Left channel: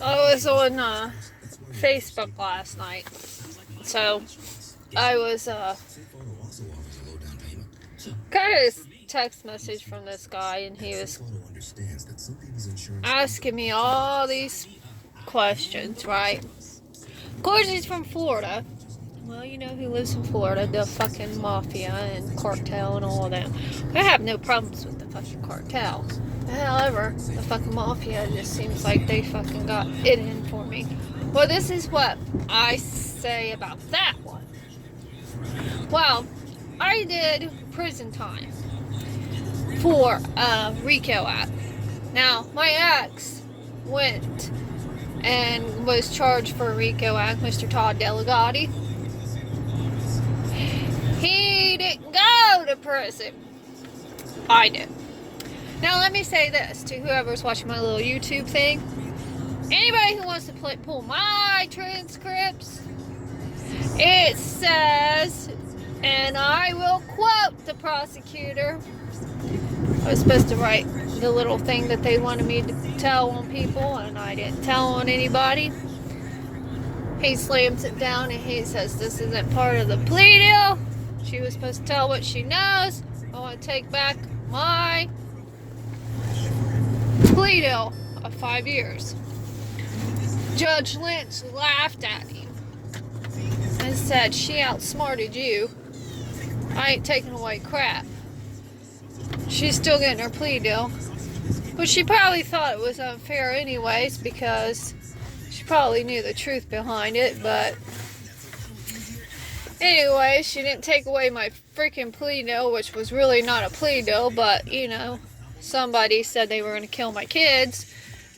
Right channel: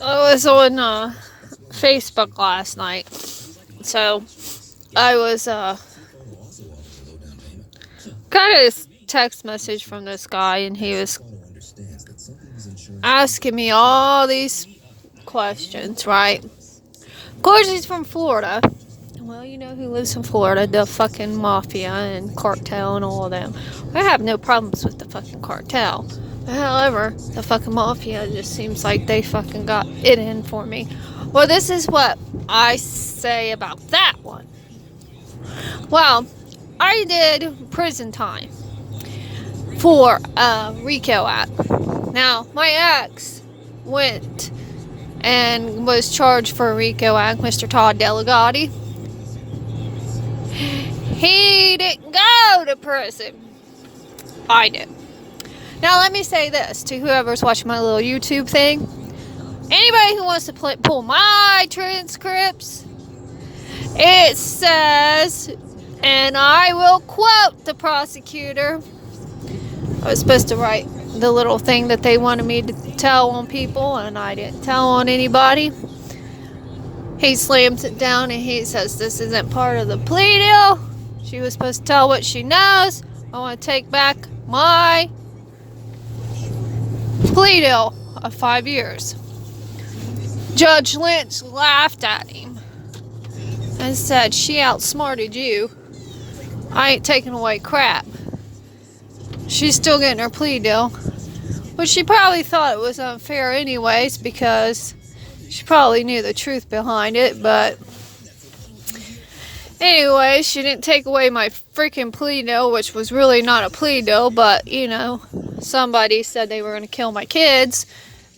I was on Facebook last night. So I was got a text message from this guy, and he was asking me all these questions, right? Of course, he's from Florida. Well, you know who lives in Florida? The fucking mafia and cartel and all of them. I have no problems with the fucking cartel. However, the fucking mafia just seems like they fucking got it in for me. Well, this is what I say about that one. Well, I did prison time for RICO Act. Now, my ex went and was charged for RICO Act, Mr. Todd Delegati. He didn't go to prison. I did. Now, let me say this to whoever's watching my little YouTube thing. Anybody who wants to pull my transcripts, it says, and I will quote the prosecutor. I was supposed to write the little thing that they wanted me to tell on people, and I didn't tell on anybody. He slams it down and he says, this isn't part of the plea deal. She was supposed to tell what she knows. I want to take back my plea deal of 5 years. Judge Lynch laughed at him and said, she outsmarted you. I ain't taking away crap. She's still getting her plea deal. But she probably thought it was unfair anyways, because she probably knew the truth behind it. But anyway, she didn't take away my freaking plea deal, which was really not a plea deal, but, you know, somebody said they were going to kill my kids.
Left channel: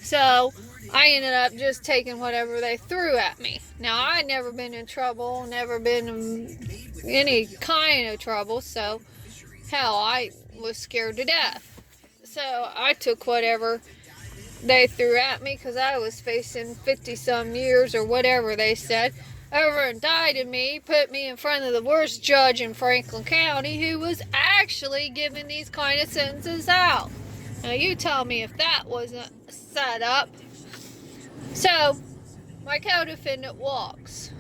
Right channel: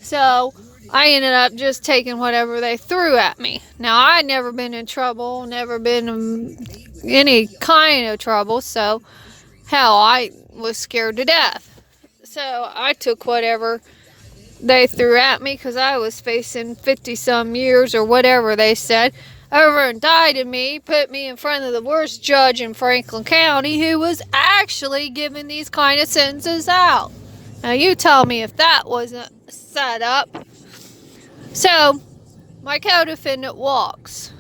So I ended up just taking whatever they threw at me. Now, I'd never been in trouble, never been in any kind of trouble, so hell, I was scared to death. So I took whatever they threw at me, because I was facing 50-some years or whatever they said. Over indicted me, put me in front of the worst judge in Franklin County, who was actually giving these kind of sentences out. Now, you tell me if that wasn't set up. So, my co-defendant walks.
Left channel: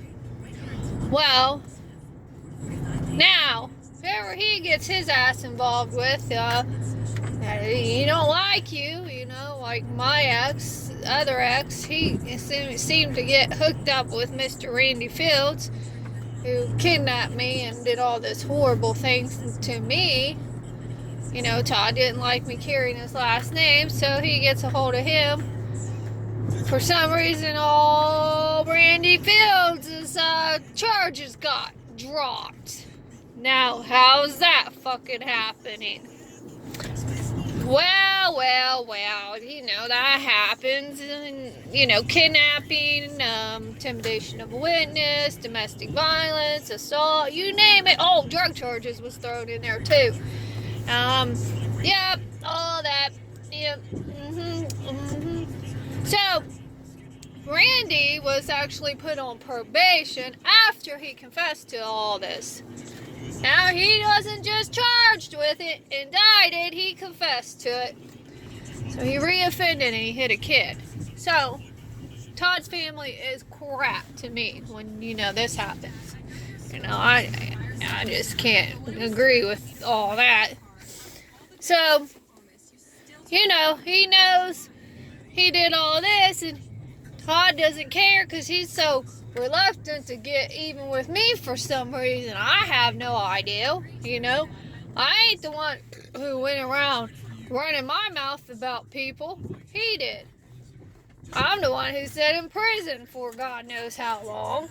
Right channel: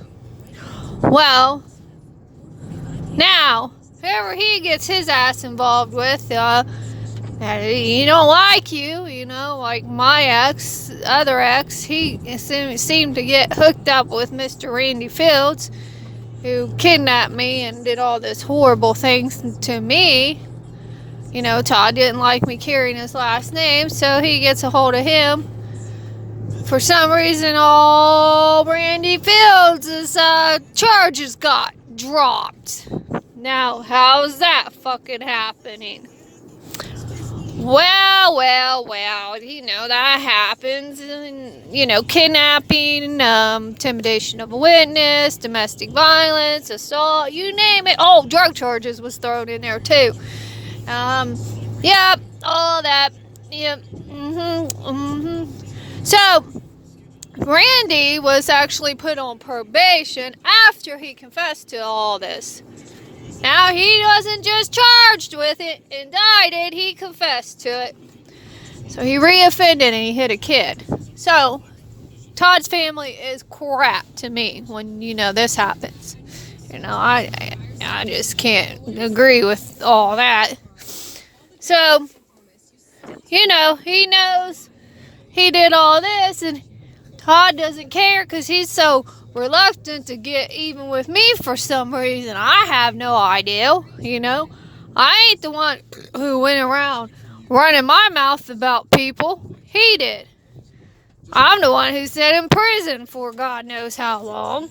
Well, now, whoever he gets his ass involved with, he don't like you, you know, like my other ex, he seemed to get hooked up with Mr. Randy Fields, who kidnapped me and did all this horrible things to me. You know, Todd didn't like me carrying his last name, so he gets a hold of him. For some reason, all Randy Fields' charges got dropped. Now, how's that fucking happening? Well, you know, that happens. You know, kidnapping, intimidation of a witness, domestic violence, assault, you name it. Oh, drug charges was thrown in there too. Yep, all that. Yep. So, Randy was actually put on probation after he confessed to all this. Now, he wasn't just charged with it, indicted, he confessed to it. So he reoffended and he hit a kid. So, Todd's family is crap to me when, you know, this happens. You know, I just can't agree with all that. So, you know, he knows he did all this, and Todd doesn't care because he's so reluctant to get even with me for some reason. I have no idea, you know. I ain't the one who went around running my mouth about people. He did. I'm the one who sat in prison for God knows how long.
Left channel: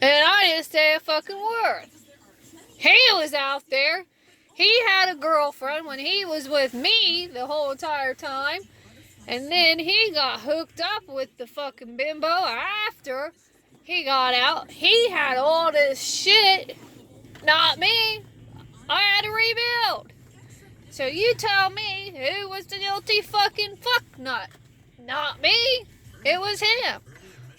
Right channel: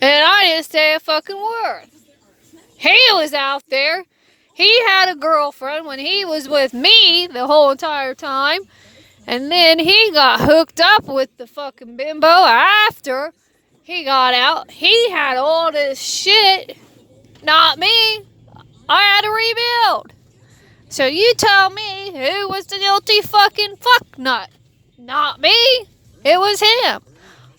And I didn't say a fucking word. He was out there. He had a girlfriend when he was with me the whole entire time. And then he got hooked up with the fucking bimbo after he got out. He had all this shit. Not me. I had to rebuild. So you tell me who was the guilty fucking fucknut. Not me. It was him.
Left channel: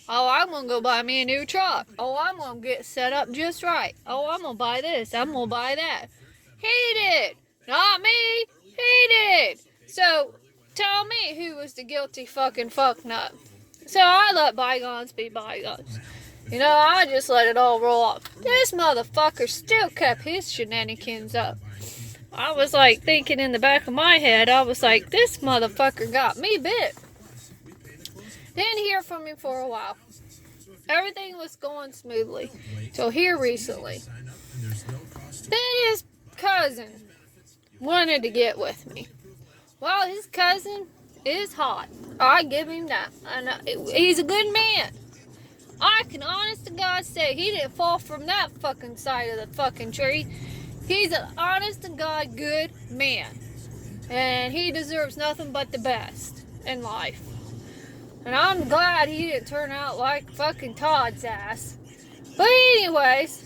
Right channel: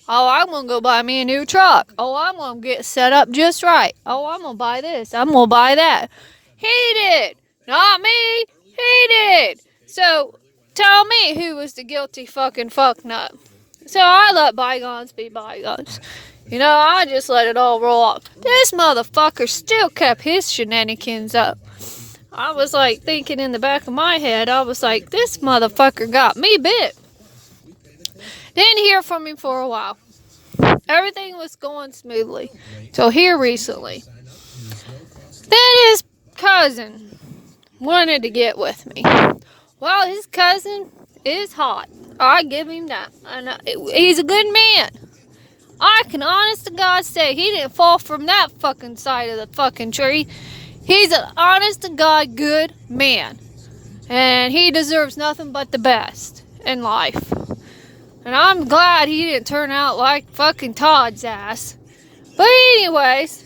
Oh, I'm going to go buy me a new truck. Oh, I'm going to get set up just right. Oh, I'm going to buy this. I'm going to buy that. He did. Not me. He did. So, tell me who was the guilty fucking fucknut. So I let bygones be bygones. You know, I just let it all roll off. This motherfucker still kept his shenanigans up. I was like thinking in the back of my head, I was like, this motherfucker got me bit. Didn't hear from him for a while. Everything was going smoothly. So here recently. Then his cousin wanted to get with me. Well, his cousin is hot. I give him that. And he's a good man. I can honest to God say he didn't fall from that fucking side of the fucking tree. He's an honest to God good man. And he deserves nothing but the best in life. And I'm glad he didn't turn out like fucking Todd's ass. But anyways,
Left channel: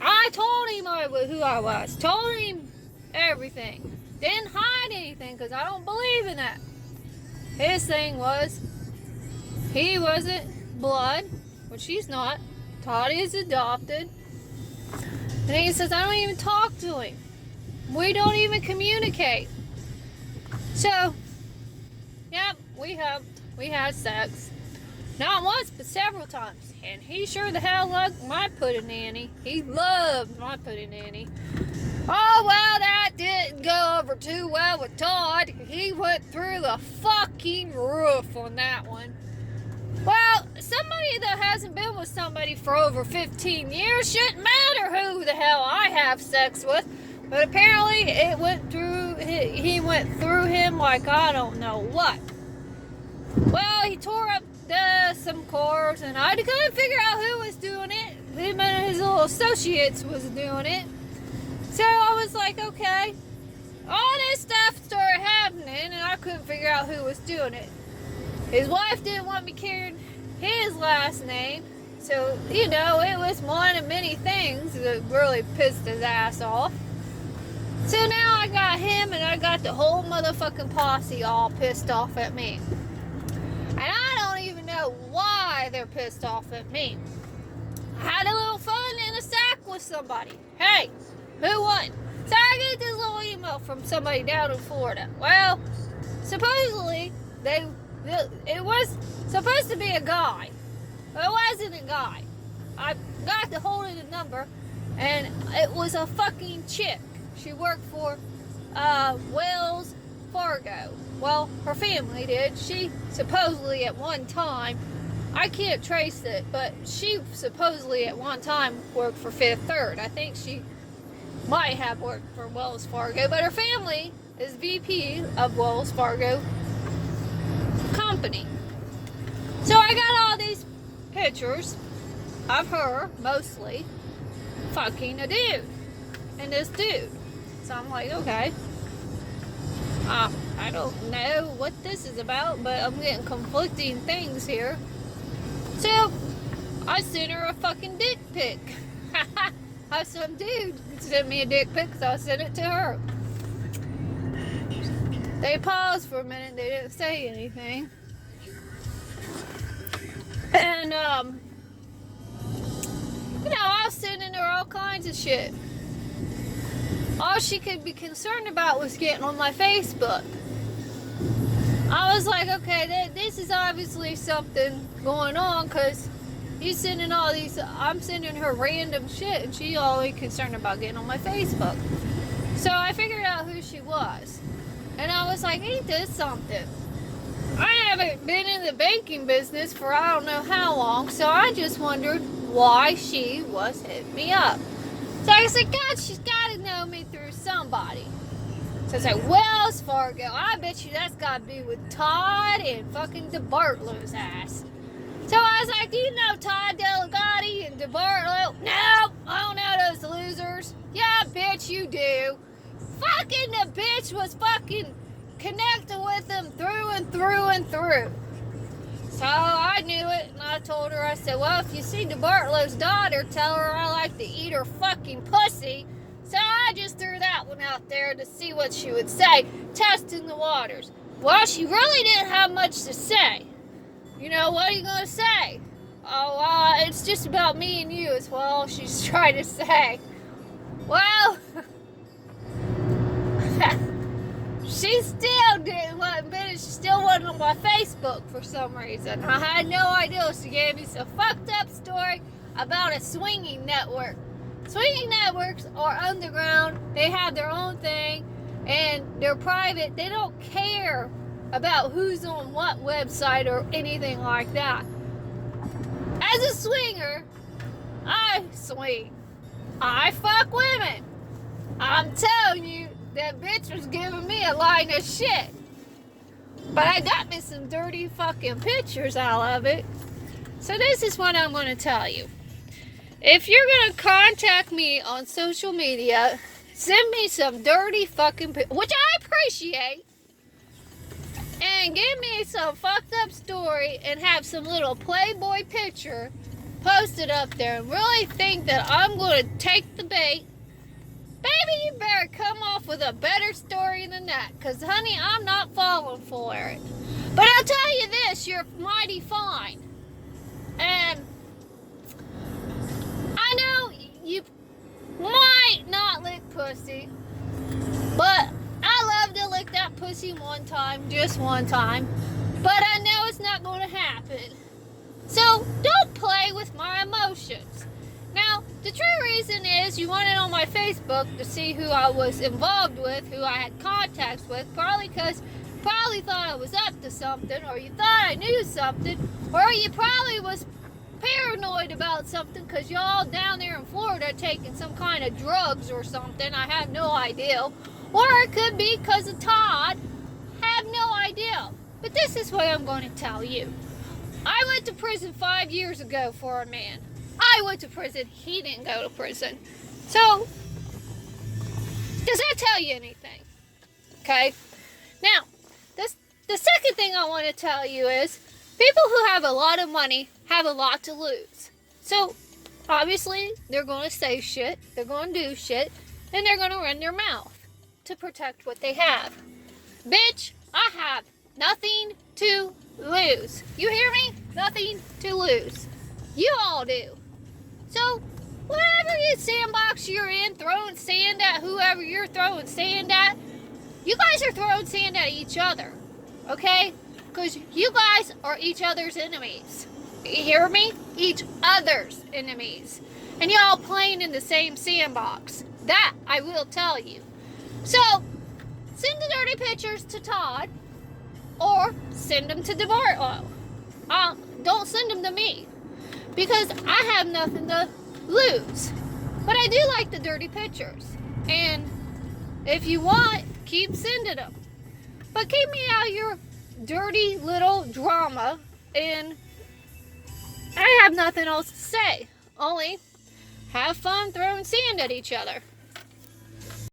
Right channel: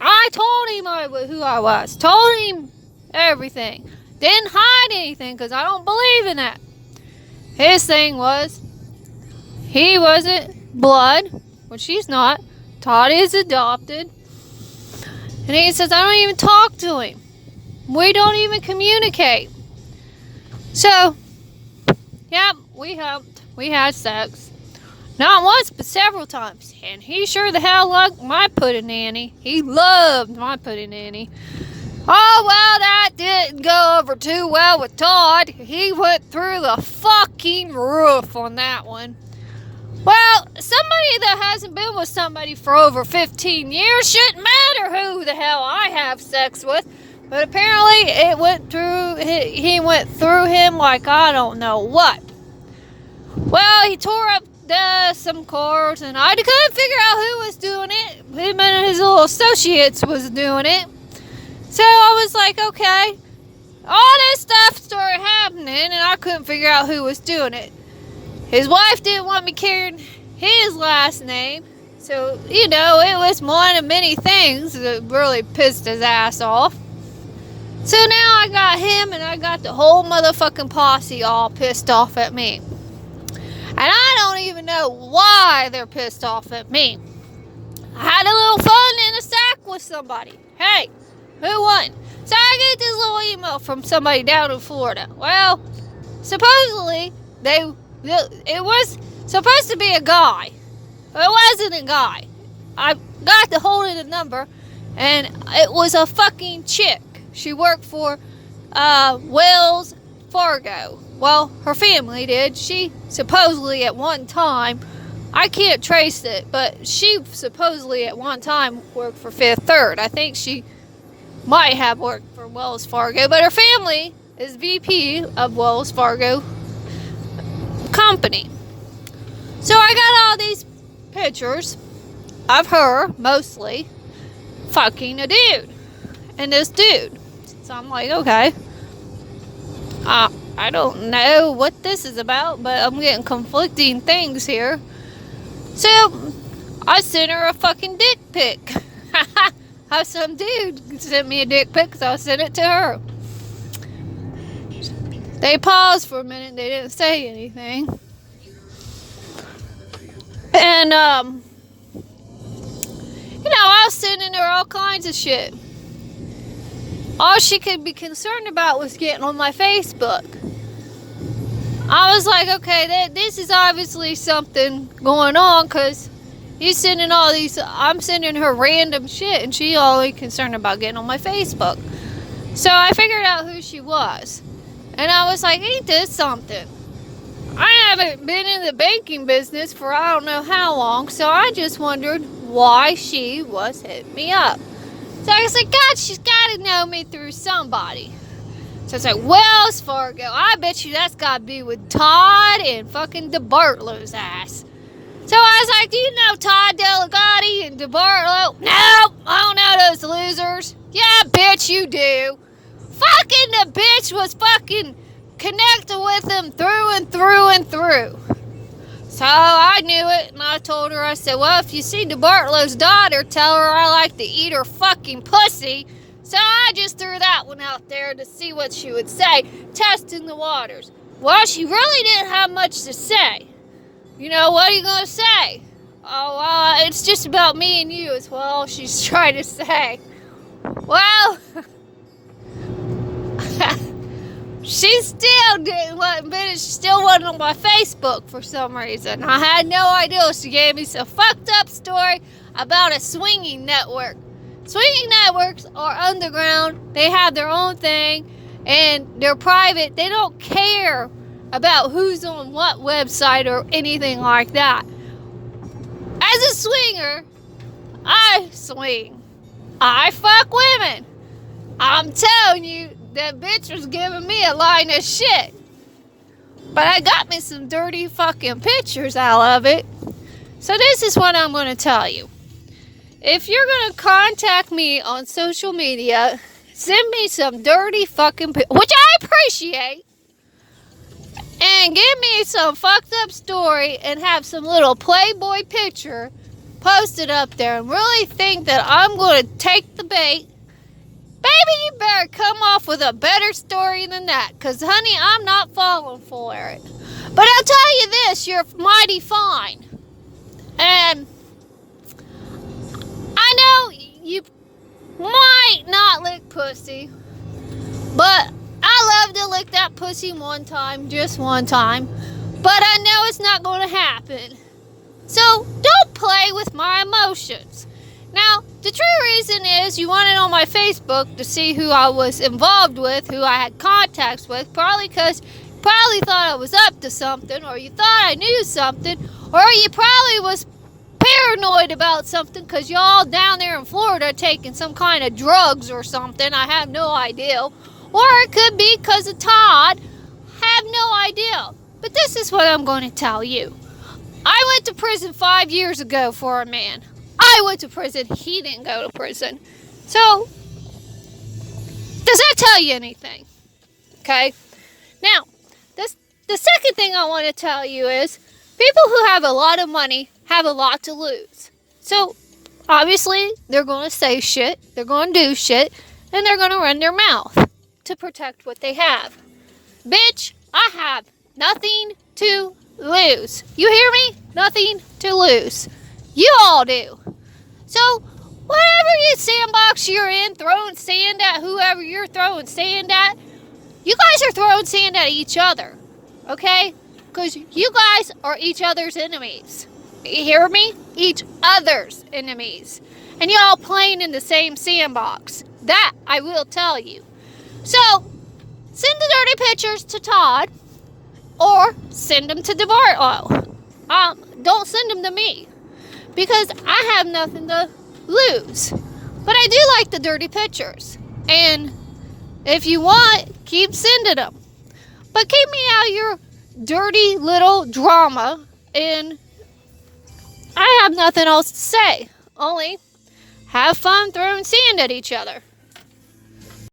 I told him who I was. Told him everything. Didn't hide anything because I don't believe in that. His thing was, he wasn't blood, which he's not. Todd is adopted. And he says, I don't even talk to him. We don't even communicate. So, yeah, we helped. We had sex. Not once, but several times. And he sure the hell liked my pudding-nanny. He loved my pudding-nanny. Oh, well, that didn't go over too well with Todd. He went through the fucking roof on that one. Well, somebody that hasn't been with somebody for over 15 years shouldn't matter who the hell I have sex with. But apparently it went through, he went through him like I don't know what. Well, he tore up some cords and I couldn't figure out who was doing it. Him and his little associates was doing it. So I was like, okay. All this stuff started happening and I couldn't figure out who was doing it. His wife didn't want me carrying his last name. So, you know, it was one of many things that really pissed his ass off. So now I got him and I got the whole motherfucking posse all pissed off at me. And I don't even know why they're pissed off at me. I had a little fun in a sack with somebody. Hey, who won? So I get this little email from somebody down in Florida. Well, supposedly, it was supposed to be a guy. But it wasn't a guy. I got the hold of the number, and it was a fucking chick. She worked for Wells Fargo. Well, her family did. She supposedly at one time, I can't trace it, but she supposedly at one time worked for Fifth Third. I think she might have worked for Wells Fargo, but her family is VP of Wells Fargo company. So I got all these pictures of her, mostly, fucking a dude. And this dude. So I'm like, okay. I don't know what this is about, but I'm getting conflicting things here. So, I sent her a fucking dick pic. How some dude sent me a dick pic, so I sent it to her. They paused for a minute, they didn't say anything. And, you know, I was sending her all kinds of shit. All she could be concerned about was getting on my Facebook. I was like, okay, this is obviously something going on, because you sending all these, I'm sending her random shit, and she only concerned about getting on my Facebook. So I figured out who she was. And I was like, ain't this something? I haven't been in the banking business for I don't know how long, so I just wondered why she was hitting me up. So I was like, God, she's got to know me through somebody. So it's like, Wells Fargo. I bet you that's got to be with Todd and fucking DeBartolo's ass. So I was like, do you know Todd Delegati and DeBartolo? No, I don't know those losers. Yeah, bitch, you do. Fucking the bitch was fucking connected with him through and through and through. So I knew it, and I told her, I said, well, if you see DeBartolo's daughter, tell her I like to eat her fucking pussy. So I just threw that one out there to see what she would say, testing the waters. Well, she really didn't have much to say. You know, what are you going to say? Oh, it's just about me and you as well, she's trying to say. Well, She still didn't want, but it still wasn't on my Facebook for some reason. I had no idea. She gave me some fucked up story about a swinging network. Swinging networks are underground. They have their own thing, and they're private. They don't care about who's on what website or anything like that. As a swinger, I swing. I fuck women. I'm telling you, that bitch was giving me a line of shit. But I got me some dirty fucking pictures out of it. So this is what I'm going to tell you. If you're going to contact me on social media, send me some dirty fucking pictures, which I appreciate. And give me some fucked up story and have some little Playboy picture posted up there and really think that I'm going to take the bait. Baby, you better come off with a better story than that. Because, honey, I'm not falling for it. But I'll tell you this, you're mighty fine. And I know you might not lick pussy. But I love to lick that pussy one time, just one time. But I know it's not going to happen. So don't play with my emotions. Now, the true reason is you wanted on my Facebook to see who I was involved with, who I had contacts with, probably because you probably thought I was up to something, or you thought I knew something, or you probably was paranoid about something because y'all down there in Florida taking some kind of drugs or something. I have no idea. Or it could be because of Todd. I have no idea. But this is what I'm going to tell you. I went to prison 5 years ago for a man. I went to prison. He didn't go to prison. So, does that tell you anything? Okay? Now, the second thing I want to tell you is people who have a lot of money have a lot to lose. So, obviously, they're going to say shit, they're going to do shit, and they're going to run their mouth to protect what they have. Bitch, I have nothing to lose. You hear me? Nothing to lose. You all do. So, whatever you sandbox you're in, throwing sand at whoever you're throwing sand at, you guys are throwing sand at each other. Okay? Because you guys are each other's enemies. You hear me? Each other's enemies. And y'all playing in the same sandbox. That I will tell you. So, send the dirty pictures to Todd. Or send them to DeBartolo. Don't send them to me. Because I have nothing to lose. But I do like the dirty pictures. And if you want, keep sending them. But keep me out of your dirty little drama. And I have nothing else to say. Only have fun throwing sand at each other.